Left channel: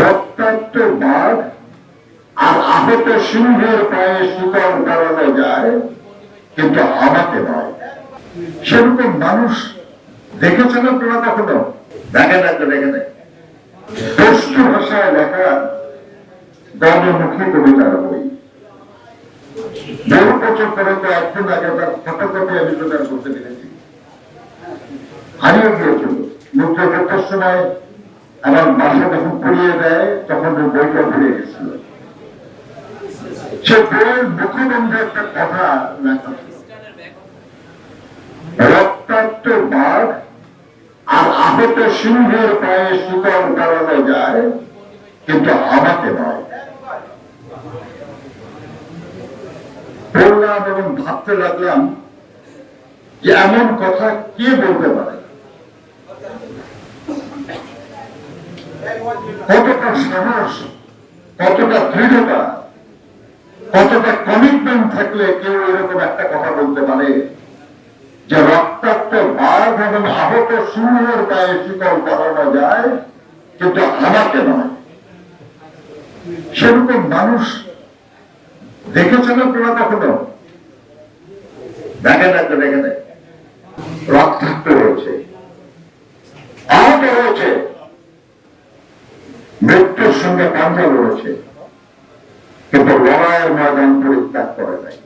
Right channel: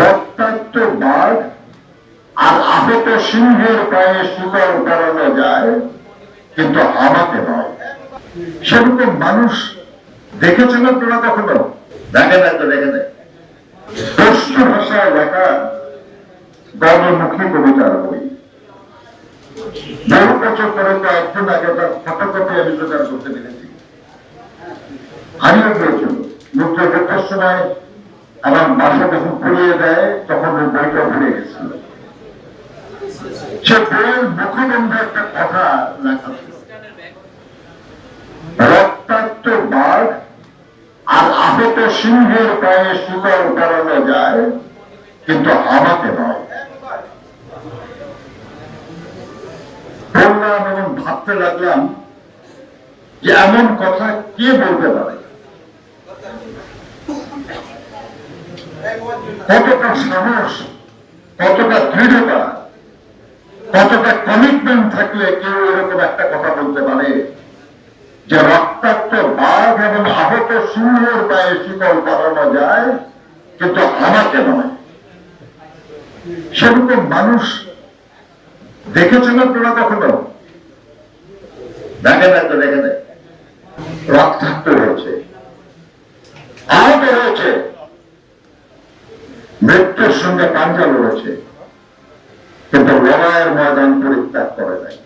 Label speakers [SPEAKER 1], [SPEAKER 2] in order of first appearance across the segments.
[SPEAKER 1] রক্তাক্ত বাঘ আর আহত সিংহের পায়ে শিকল করানো যায়, কিন্তু আমাকে নয়। সেরকম মানুষ দেখেছেন আপনারা কখনো? দেখে না তো দেখে নেই পশ্চিম ভাষায় লেখা গণমুখী কবিতার বই। বহু বছর পরে তো একজন আগে তার ফটোকপি আমি জোগাড় করতে পেরেছি। হারিয়ে গিয়েছিল। মুদ্রা সময় আমার মাথা যখন পুড়িয়ে দেয় তখন ওই বইটা ভুলে গেছিল। সে বইয়ের মুখবন্ধে একটা কথা লেখা। রক্তাক্ত বাঘ আর আহত সিংহের পায়ে শিকল করানো যায়, কিন্তু আমাকে নয়। বললাম এবং ভাবতে লাগলাম যে এমন কথা কে বলতে পারে? কতটা সাহস, কতটা দৃঢ়তা, কতটা কমিটমেন্ট থাকলে কেউ এরকম একটা কথা বলতে পারে? যে রক্তাক্ত বাঘ এবং আহত সিংহের গায়ে শিকল করানো যায়, কিন্তু আমাকে নয়। সেরকম মানুষ দেখেছেন আপনারা কখনো? দেখে না তো দেখে নেই রক্তাক্ত হয়েছে আহত হয়েছে মৃত্যুর সঙ্গে পাঞ্জা লড়েছে কিন্তু লড়াইয়ের ময়দান পরিত্যাগ করে নাই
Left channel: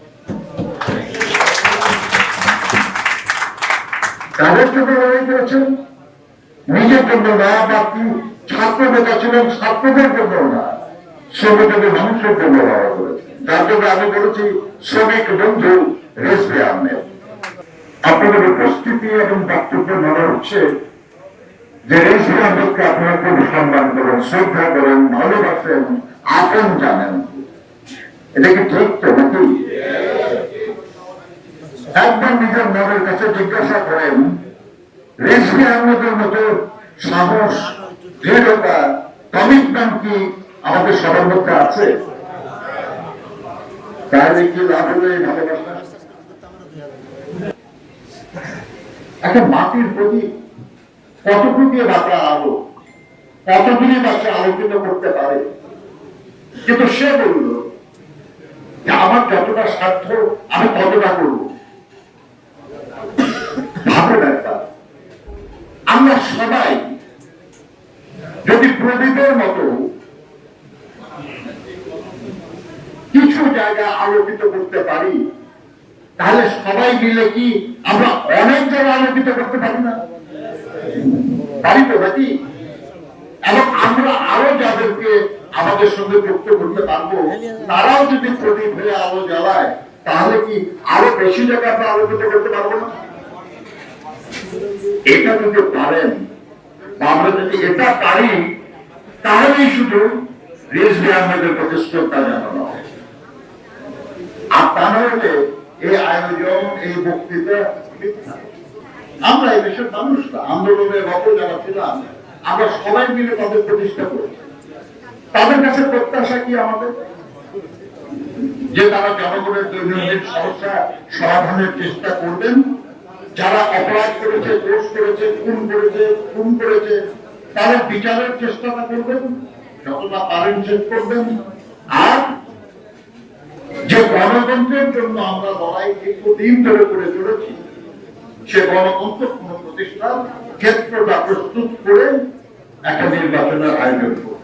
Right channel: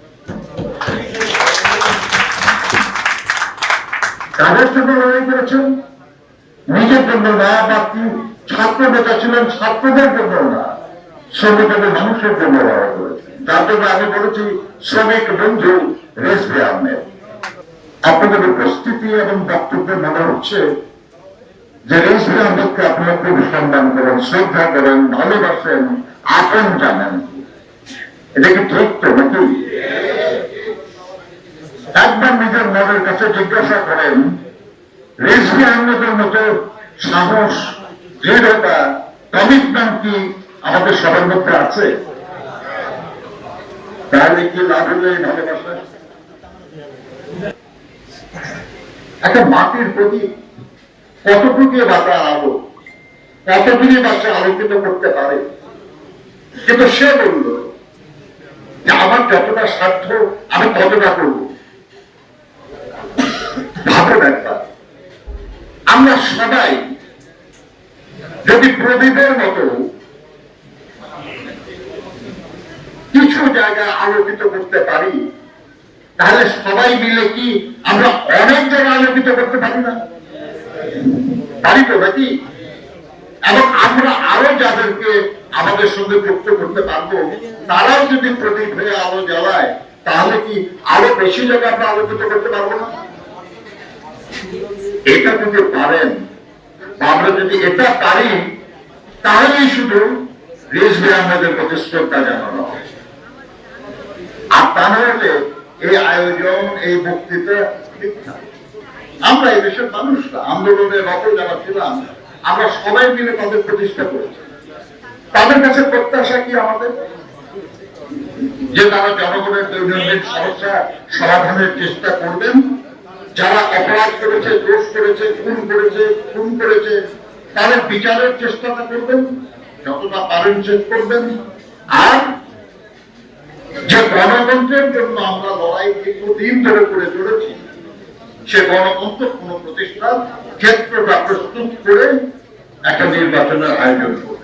[SPEAKER 1] কাদের জন্য লড়াই করেছেন? নিজের জন্য না বা কি ছাত্র নেতা ছিলেন ছাত্রদের জন্য না শ্রমিক এবং মানুষের জন্য লড়াই করেছেন। যার জন্য আমি বলেছি, শ্রমিক বন্ধু রেসবে আপনাদের উপস্থিতি এবং বক্তব্য মনে হচ্ছে যে রেসবে আহমেদকে আপনারা খুব সম্মান করেন, শ্রদ্ধা করেন, ভালোবাসেন, আপন জানেন। এটা কি ঠিক তো নাকি? একবার নিজের মনের কাছে জিজ্ঞাসা করেন, রেজভি আহমেদের মতো সাহস, দৃঢ়তা কমিটমেন্ট কি আমাদের সবার মধ্যে আছে? তাহলে কি লাভ হলো ভালোবাসা? একটা মাটির প্রতি কতটুকু বাতা আলো? কতদিনই বা সে আলোকিত করতে পারে? কিন্তু সে বলল, যে আমার যতটা সাধ্য, আমি ততটা করব। ভাবুন একবার। আমরা সবাই যদি প্রদীপের মতো কিছু জায়গা আলোকিত করতে পারি, তাহলে সবাই মিলে কি আমরা অনেক জায়গা আলোকিত করতে পারি না? পারি তো নাকি এবং আমরা আরও যাদেরকে আমাদের সঙ্গে যুক্ত করতে পারব, তারাও যদি প্রদীপ হয়ে আলো জ্বালায়, তাহলে কি আরও বেশি জায়গা আমরা আলোকিত করতে পারব না? এটা যদি পারেন আমরা যদি এটা পারি, তাহলেই শুধু রেজবি আহমেদের প্রতি শ্রদ্ধা জানানো আর তা না হলে এই আয়োজন, এই বক্তৃতা মিথ্যা। আমরা এই দেশের মানুষরা আন্দোলনের রত যারা ছিলাম আমরা সবাই মিলে তাদের প্রতিষ্ঠা করেছি। তাদের কাছে প্রত্যাশা কি আমাদের? যে তারা জনগণের দৈনন্দিন সমস্যা সমাধানের চেষ্টা করবেন, যারা অপরাধ করেছে, দোষ করেছে, খুন করেছে খুন করেছে, তাদের বিচারের চেষ্টাটা করবেন, যতটা পারেন শেষ করবেন। আর যে গণতন্ত্রের জন্য আমরা লড়াই দীর্ঘদিন ধরে করে চলেছি সে গণতন্ত্র কোন প্রতিষ্ঠান ক্ষেত্রটা প্রস্তুত করে একটা নির্বাচনের আয়োজন করবে।